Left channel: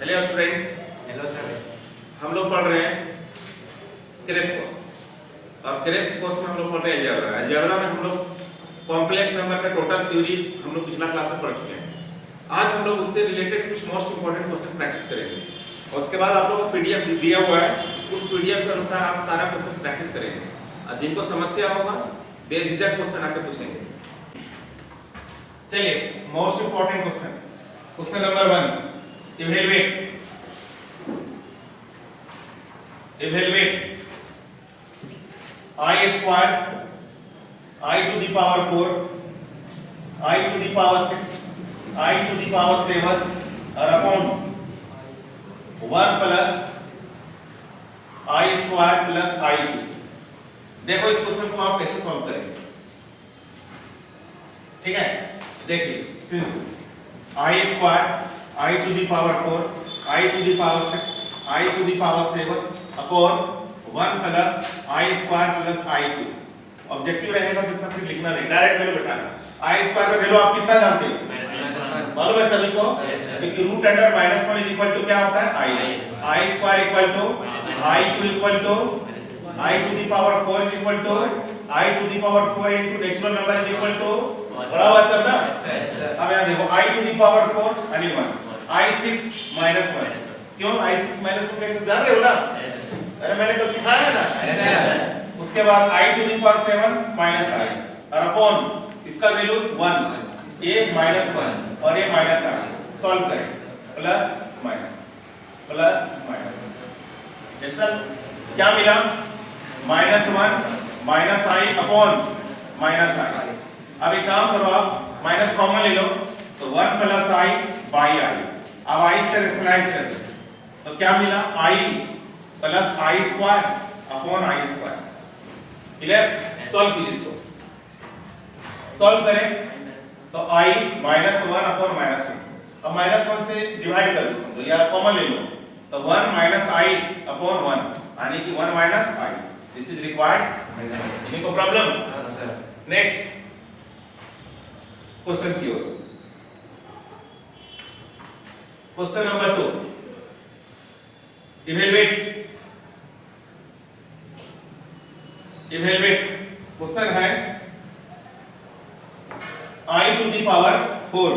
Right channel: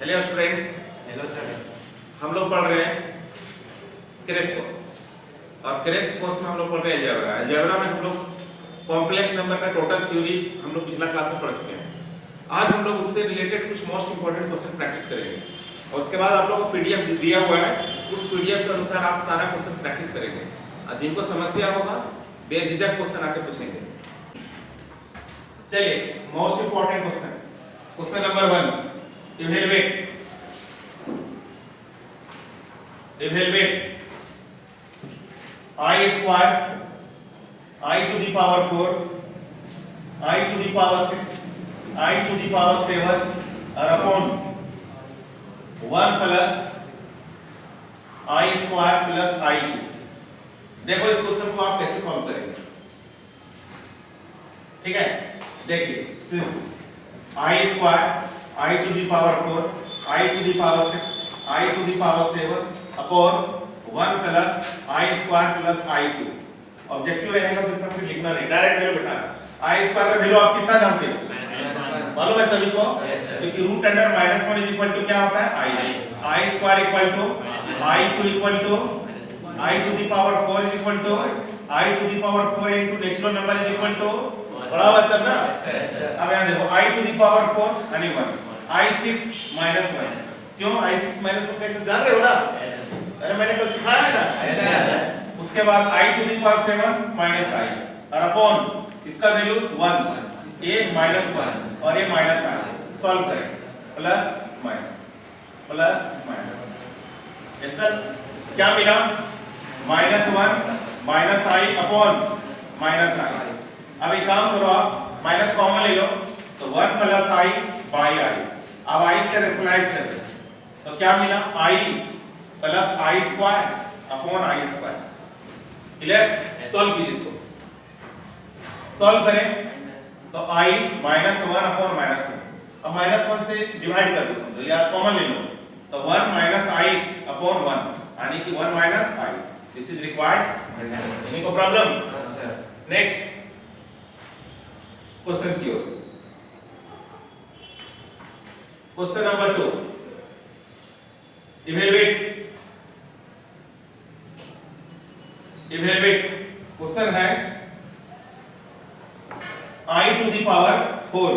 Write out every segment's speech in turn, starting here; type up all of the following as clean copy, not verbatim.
Hello students. Hello sir. हम लोग पढ़ रहे हैं क्रेश कोर्स और क्रेश कोर्स में हम लोग पढ़ रहे हैं अलजेब्रा। अलजेब्रा में हम लोग कॉम्प्लेक्स नंबर का टोटल थ्योरी हम लोग पिछला क्लास में पढ़ चुके हैं। आज हम लोग उससे रिलेटेड कुछ मोस्ट इंपॉर्टेंट क्वेश्चन प्रैक्टिस करेंगे और उसके बाद आप लोगों को पीडीएफ दिया हुआ है, उस पीडीएफ के अनुसार आप सारा क्वेश्चन प्रैक्टिस करेंगे और जिनको समस्या होगा बेझिझक क्वेश्चन आके पूछेंगे। चलिए most important question number 1, evaluate I square, I to the power 4, I to the power 6, I to the power 7 are upon 1 plus I square plus I cube। देखो इस क्वेश्चन को आप कैसे सॉल्व करेंगे, ठीक है। देखिए since I square, I to the power 4, I to the power 6, I to the power 7 upon 1 plus I square plus I cube। Objective रहेगा तो इतना फिर लिखना नहीं, डायरेक्ट वैल्यू बैठाना। I square का वैल्यू आप कितना जानते हो? मालूम है सभी को? क्योंकि root under -1 is equal to क्या होता है? I square equal to I cube equal to I to the power 4 is equal to I to the power 4 into natural number is equal to, बराबर सब ना? अब यहाँ देखो I to the power 4 यानी 1, I6 minus 1। क्यों I6 minus 1 कैसे जान रहे हो ना? अरे मैंने कल सिखाया है ना। उसके बाद I to the power 7 minus I और अपॉन इसका वैल्यू 1, a minus 1 और a minus I। सॉल्व करें, प्लस माइनस आंसर क्या मिला? -1 minus I upon minus I। अब एक काम करो, आप माइनस कॉमन ले लो तो 1 प्लस I बाई I। अब I से रेशनलाइज कर दो तो क्या मिला? I plus I square upon I square. Clear? Solve कीजिए इसको। सॉल्व करें तो I -1 अपॉन -1। अब -1 से डिवाइड कर दो समझो, या कॉमन ले लो तो 1 माइनस I अपॉन 1 यानी कि 1 minus I। This is required. Any को प्रॉब्लम? नेक्स्ट क्वेश्चन की ओर। क्वेश्चन नंबर 2, इवैल्यूएट क्वेश्चन है I to the power 4,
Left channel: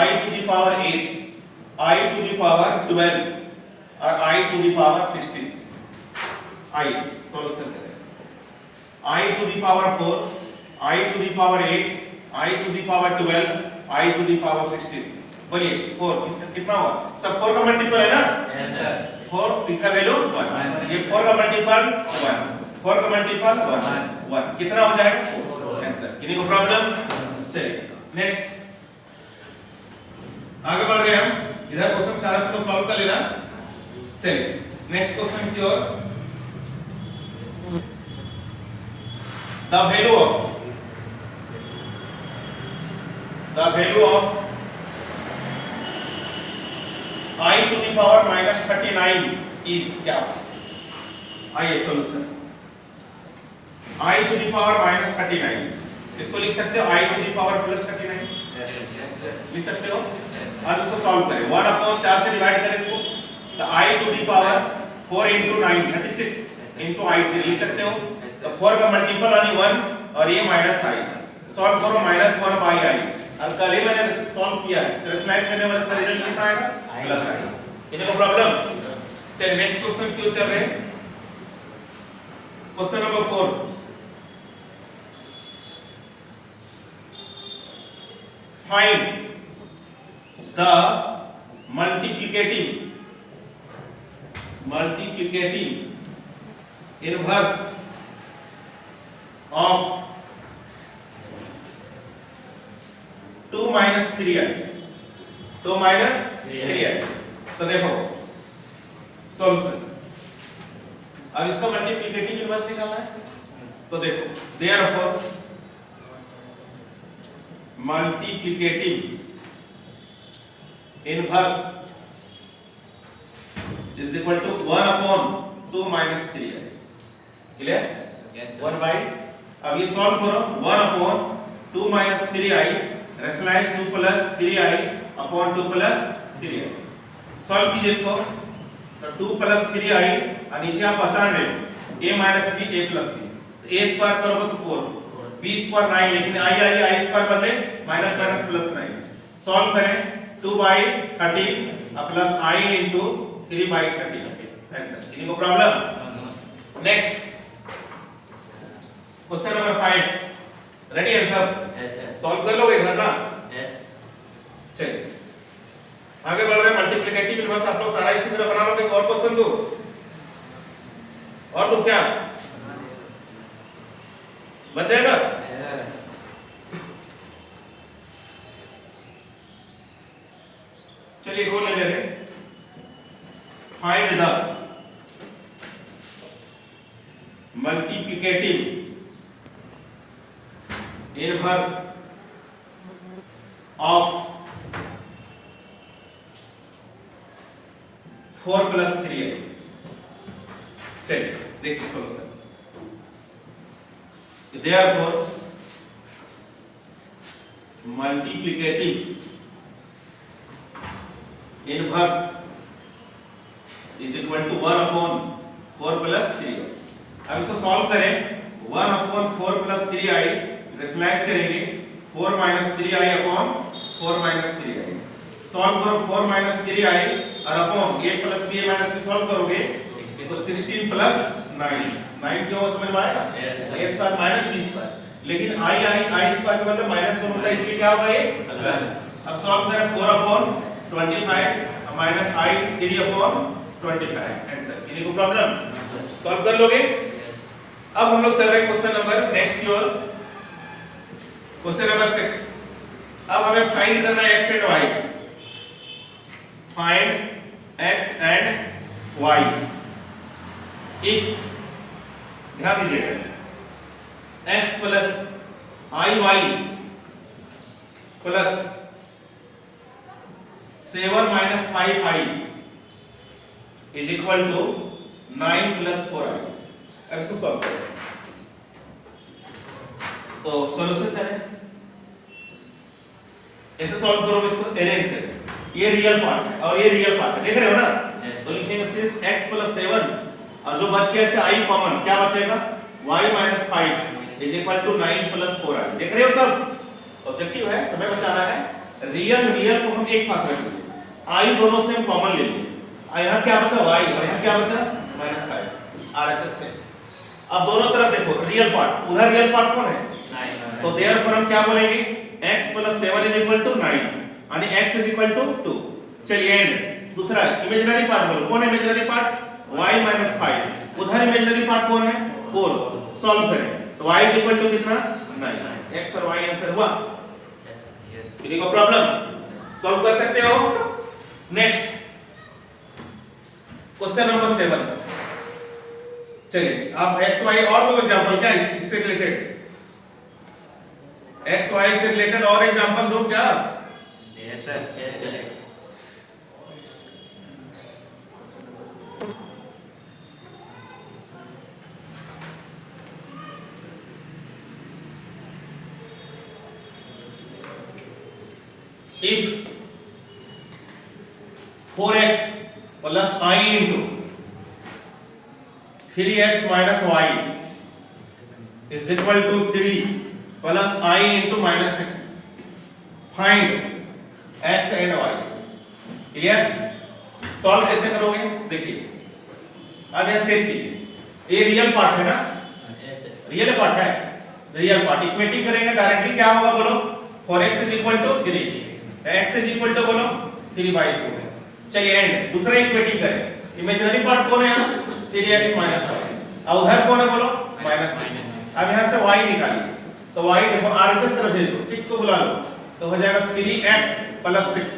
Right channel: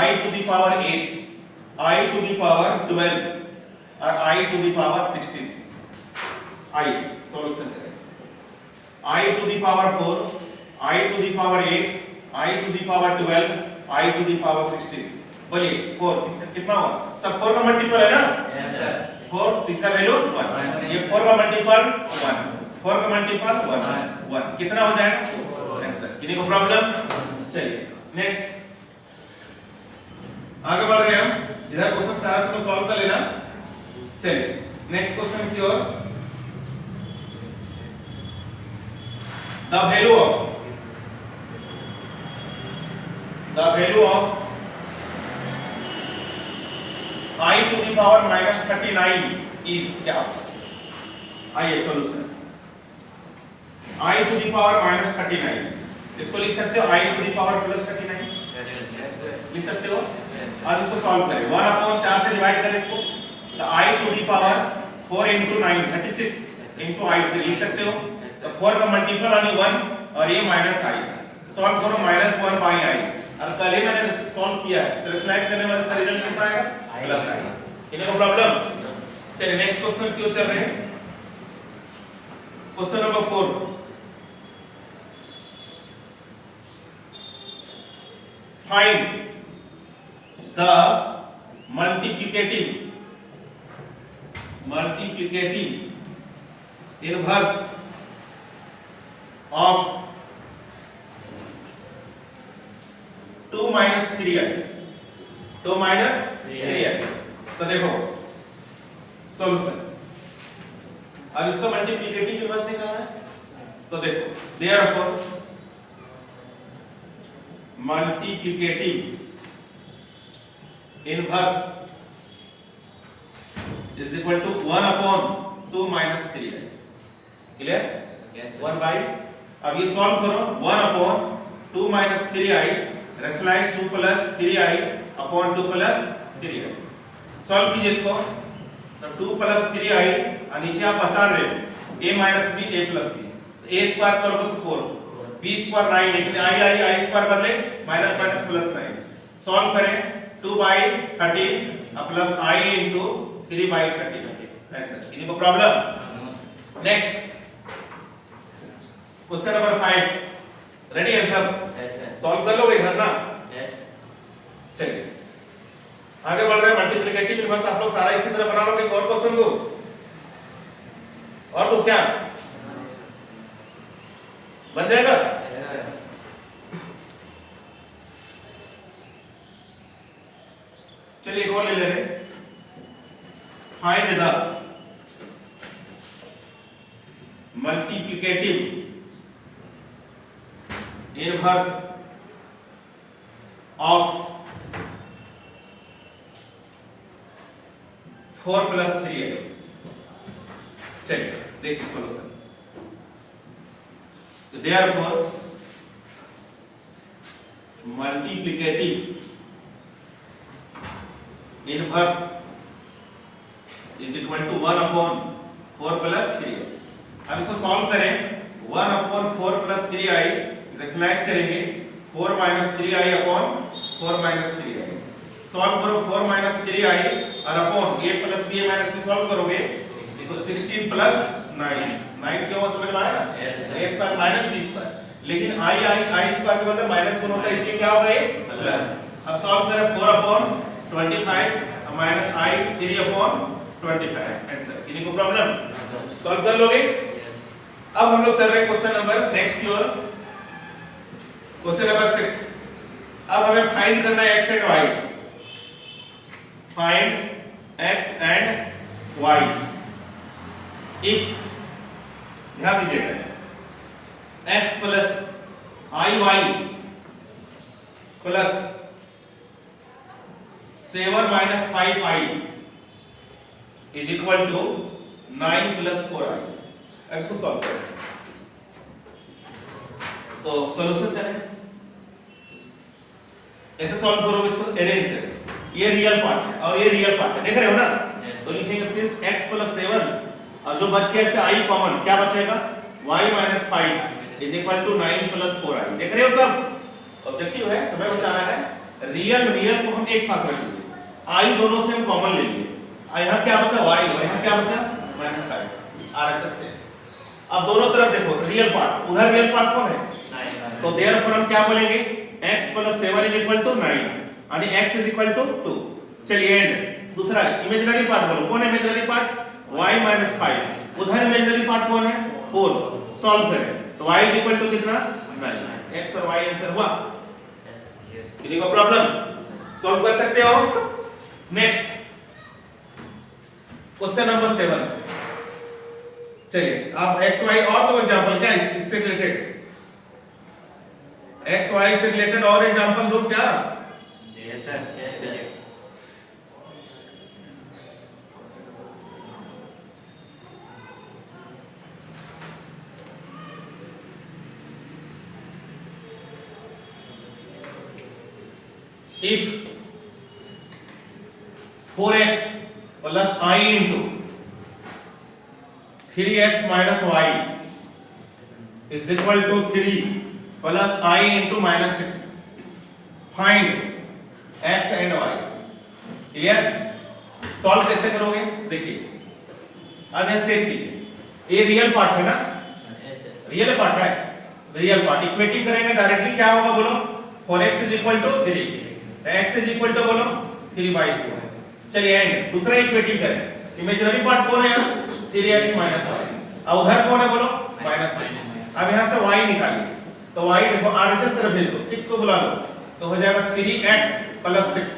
I to the power 8, I to the power 12 और I to the power 16। I solution करें। I to the power 4, I to the power 8, I to the power 12, I to the power 16। बोलिए 4 इसका कितना हुआ? सब 4 का multiple है ना? Yes sir. 4 इसका वैल्यू 1, ये 4 का मल्टीपल 1, 4 का मल्टीपल 1 कितना हो जाएगा? आंसर। किसी को प्रॉब्लम? चलिए नेक्स्ट आगे बढ़ रहे हैं हम। इधर क्वेश्चन सारा तो सॉल्व कर लेना। चलिए नेक्स्ट क्वेश्चन की ओर। The value of I to the power -39 is क्या? आइए solution. I to the power -39 इसको लिख सकते हो I to the power +39 लिख सकते हो। अब इसको सॉल्व करें, 1 अपॉन 4 से डिवाइड करें इसको तो I to the power 4 into 9 36 into I लिख सकते हो। तो 4 का मल्टीपल यानी 1 और ये माइनस I। सॉल्व करो -1 बाई I। अब कल ही मैंने सॉल्व किया है, रेशनलाइज करने वाला इसका रिजल्ट कितना आएगा? प्लस आएगा। इन्हें को प्रॉब्लम? चलिए नेक्स्ट क्वेश्चन क्यों चल रहे हैं। Question number 4, find the multiplicative inverse of 2 minus 3i। तो देखो सॉल्यूशन। अब इसका मल्टीप्लिकेटिव इनवर्स निकालना है तो देखो therefore multiplicative inverse is equal to 1 upon 2 minus 3i। Clear? Yes. 1 by, अब ये सॉल्व करो 1 upon 2 minus 3i rationalise 2 plus 3i upon 2 plus 3i। Solve कीजिए इसको। तो 2 + 3i और नीचे आप आसान रहे a - b a + b, a square करोगे तो 4, b स्क्वायर 9, लेकिन i स्क्वायर बदले माइनस माइनस प्लस 9। सॉल्व करें 2/13 प्लस i into 3/13 आंसर। इनको problem. Next question number 5, ready answer solve कर लोगे इधर ना? चलिए आगे बढ़ रहे हैं। मल्टीप्लिकेटिव इनवर्स आप लोग सारा इसी तरह बना लोगे। और क्वेश्चन दो, और तो क्या बन जाएगा? चलिए और ले लेंगे। Find the multiplicative inverse of 4 + 3i। चलिए देखिए solution. Therefore multiplicative inverse is equal to 1/4 + 3i। अब इसको सॉल्व करें। 1/4 + 3i रेशनलाइज करेंगे 4 - 3i/4 - 3i। सॉल्व करो 4 - 3i और अपॉन a + b - सॉल्व करोगे तो 16 + 9 क्यों समझ में आया? a square minus b square, लेकिन i स्क्वायर के मतलब माइनस दोनों होता है, इसलिए क्या होगा ये प्लस। अब सॉल्व करें 4/25 माइनस i 3/25 आंसर। किन्हीं को प्रॉब्लम? सॉल्व कर लोगे? अब हम लोग चल रहे हैं क्वेश्चन नंबर नेक्स्ट की ओर। Question number 6। अब हमें फाइंड करना है x and y। Find x and y। एक ध्यान दीजिएगा x + iy + 7 - 5i is equal to 9 + 4i। अब इसको सॉल्व करें तो सॉल्यूशन चलेगा। ऐसे सॉल्व करोगे, इसको अरेंज करें। ये रियल पार्ट है और ये रियल पार्ट है, देख रहे हो ना? तो लिखेंगे सिंस x + 7 और जो बच गया इससे i कॉमन, क्या बचेगा? y - 5 is equal to 9 + 4i। देख रहे हो सब? ऑब्जेक्टिव है, समय बचाना है। रियल को हम एक साथ रख लेंगे, i दोनों से हम कॉमन ले लेंगे। यहाँ क्या बचा? y, और यहाँ क्या बचा? -5 RHS से। अब दोनों तरफ देखो, रियल पार्ट, उधर रियल पार्ट कौन है? तो देयरफॉर हम क्या बोलेंगे? x + 7 is equal to 9 यानी x is equal to 2। चलिए एंड दूसरा इमेजिनरी पार्ट बोलो। कौन है इमेजिनरी पार्ट? y - 5। उधर इमेजिनरी पार्ट कौन है? 4। सॉल्व करें तो y is equal to कितना? 9। x और y आंसर हुआ। किसी को प्रॉब्लम? सॉल्व कर सकते हो? Next question number 7। चलिए आप x y और दो एग्जांपल, क्या इससे रिलेटेड x y से रिलेटेड और एग्जांपल दो क्या? Yes sir. If 4x plus I into 3x minus y is equal to 3 plus I into -6, find x and y। Clear? Solve कैसे करोगे? देखिए अब यह सेट कीजिए, ये रियल पार्ट है ना? रियल पार्ट है, रियल पार्ट इक्वेटिंग करेंगे डायरेक्टली, क्या होगा बोलो? 4x is equal to 3, x is equal to बोलो 3/4। चलिए एंड दूसरा इक्वेटिंग करें। इमेजिनरी पार्ट कौन है यहाँ? 3x minus y, और उधर कौन है बोलो? -6। अब यहाँ से y निकालिए तो y देखो RHS तरफ भेज दो, 6 को बुला लो तो हो जाएगा 3x + 6।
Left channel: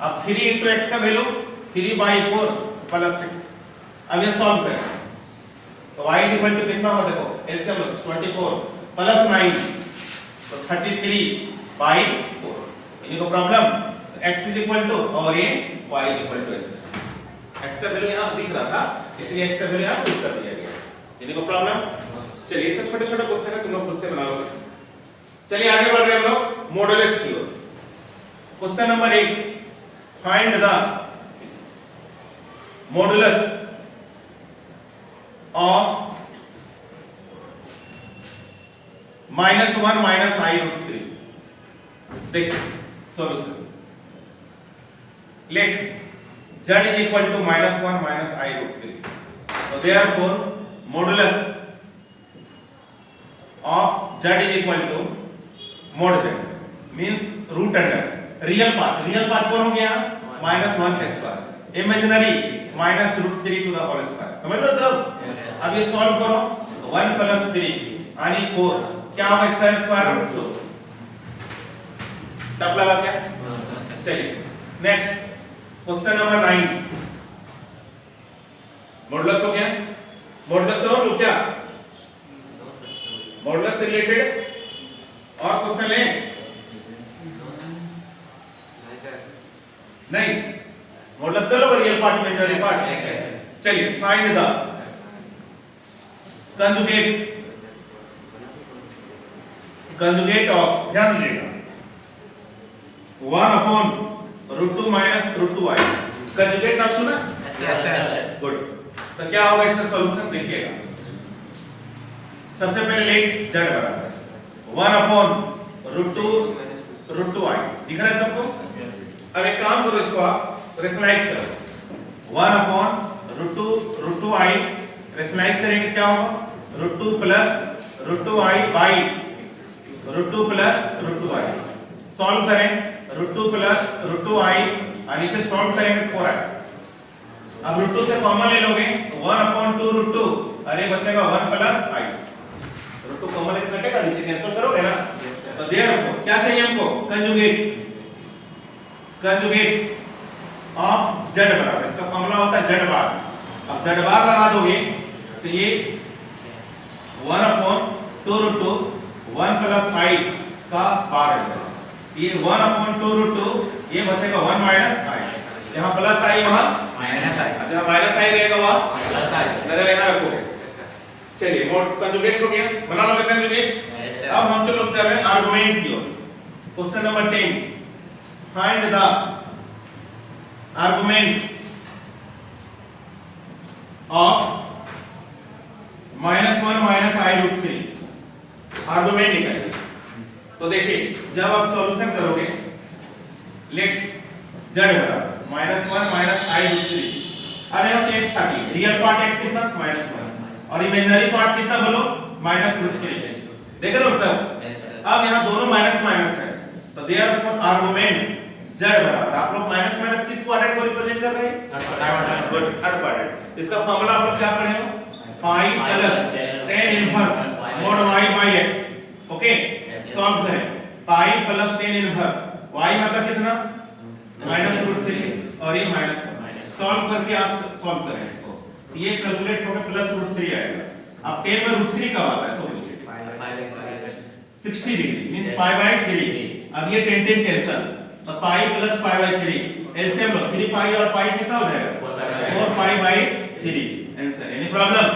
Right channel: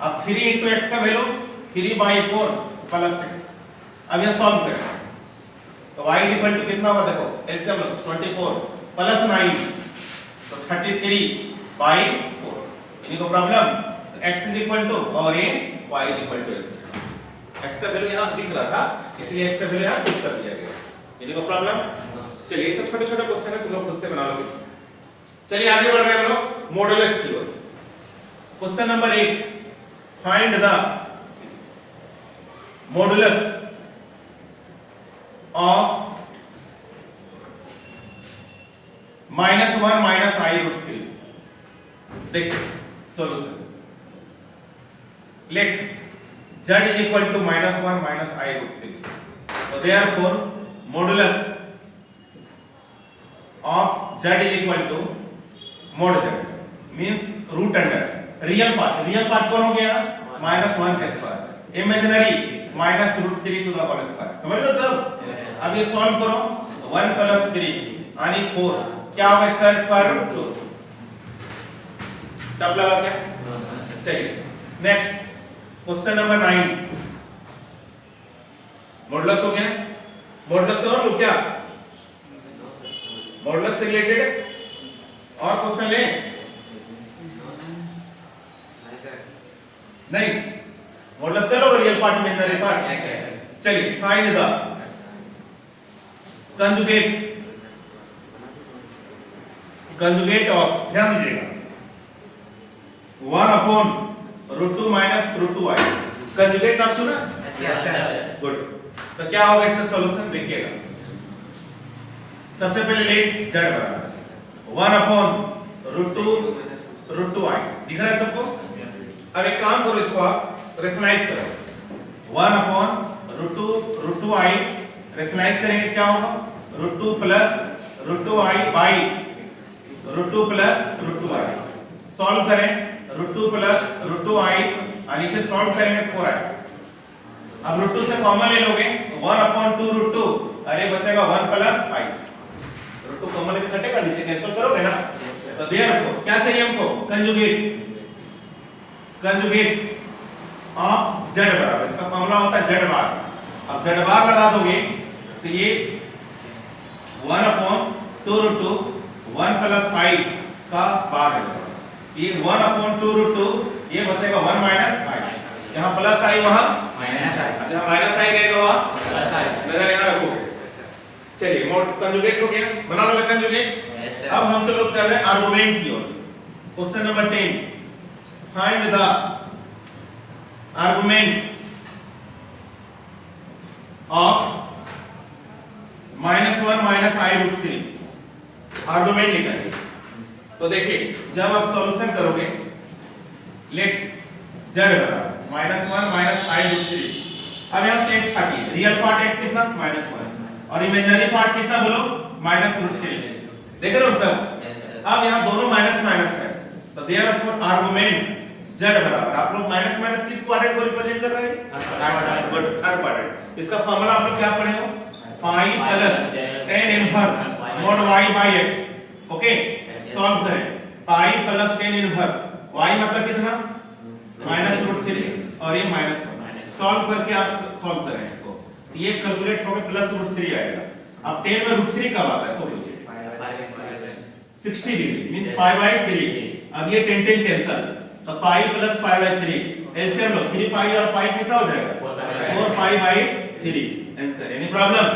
अब 3 into x का वैल्यू 3/4 + 6। अब यह सॉल्व करें तो y is equal to कितना होगा? देखो एलसीएम लो 24 + 9 तो 33/4। इन्हीं को problem? x is equal to और ये y is equal to x। x का वैल्यू यहाँ दिख रहा था इसलिए x का वैल्यू यहाँ पुट कर दिया गया। इन्हीं को प्रॉब्लम? चलिए ये सब छोटे छोटे क्वेश्चन है, तुम लोग खुद से बना लोगे। चलिए आगे बढ़ रहे हैं हम लोग मॉडुलस की ओर। Question number 8, find the modulus of -1 minus i root 3। देखिए solution, let z is equal to -1 minus i root 3। तो therefore modulus of z is equal to mod z means root under real part कौन हो गया -1 का square, imaginary -√3 to the whole square. समझ लो सब। अब ये सॉल्व करो 1 + 3 यानी 4 क्या होगा इसका स्क्वायर रूट 2। तब लगा क्या? चलिए नेक्स्ट क्वेश्चन नंबर 9। मॉडुलस हो गया, मॉडुलस से और लो क्या मॉडुलस से रिलेटेड और क्वेश्चन ले नहीं, मॉडुलस कर लो रियल पार्ट इमेजिनरी पार्ट। चलिए फाइंड द कंजुगेट ऑफ, ध्यान दीजिएगा 1/√2 माइनस √2i। कंजुगेट नाम सुना? Yes sir. गुड। तो क्या होगा इसका सॉल्यूशन देखिएगा। सबसे पहले लेट z बराबर 1/√2i दिख रहा है सबको? अब एक काम करो, इसको आप रेशनलाइज करो 1/√2i रेशनलाइज करेंगे क्या होगा √2 + √2i बाई √2 + √2i। सॉल्व करें √2 + √2i और नीचे सॉल्व करेंगे 4i। अब √2 से कॉमन ले लोगे 1/2√2 अरे बचेगा 1 + i। √2 कॉमन लेके कटेगा, नीचे कैंसिल करोगे ना। तो देयरफॉर क्या चाहिए हमको? कंजुगेट ऑफ z बराबर, इसका फॉर्मूला होता है z बार। अब z बार लगा दोगे तो ये 1/2√2 1 + i का बार देगा। ये 1/2√2 ये बचेगा 1 - i, यहाँ प्लस i वहां माइनस आई। जहाँ माइनस i रहेगा वहां प्लस आई। नजर यहाँ रखोगे। चलिए मोड कंजुगेट हो गया, बना लोगे कंजुगेट। अब हम चलो चल रहे हैं आर्गुमेंट की ओर। Question number 10 find the argument of -1 minus i root 3। Argument निकालिए। तो देखिए जब आप सॉल्यूशन करोगे लेट z बराबर -1 माइनस आई रूट 3। अब यहां से x हटिए, रियल पार्ट x कितना -1 और इमेजिनरी पार्ट कितना बोलो -√3। देख रहे हो सब? अब यहां दोनों माइनस है तो देयरफॉर आर्गुमेंट z बराबर, आप लोग माइनस किस क्वाड्रेंट को रिप्रेजेंट कर रहे हैं? Good, third quadrant. इसका फार्मूला आप लोग क्या पढ़े हो? Pi plus tan inverse mod y by x। Okay, solve करें pi plus tan inverse y मतलब कितना -√3 और ये -1। सॉल्व करके आप सॉल्व करें इसको, ये कैलकुलेट होकर +√3 आएगा। अब 10 में √3 कब आता है? 60 डिग्री मींस π/3। अब ये 10 कैंसिल तो पाई प्लस π/3 एलसीएम लो, 3 पाई और पाई कितना हो जाएगा 4 π/3 आंसर। Any problem?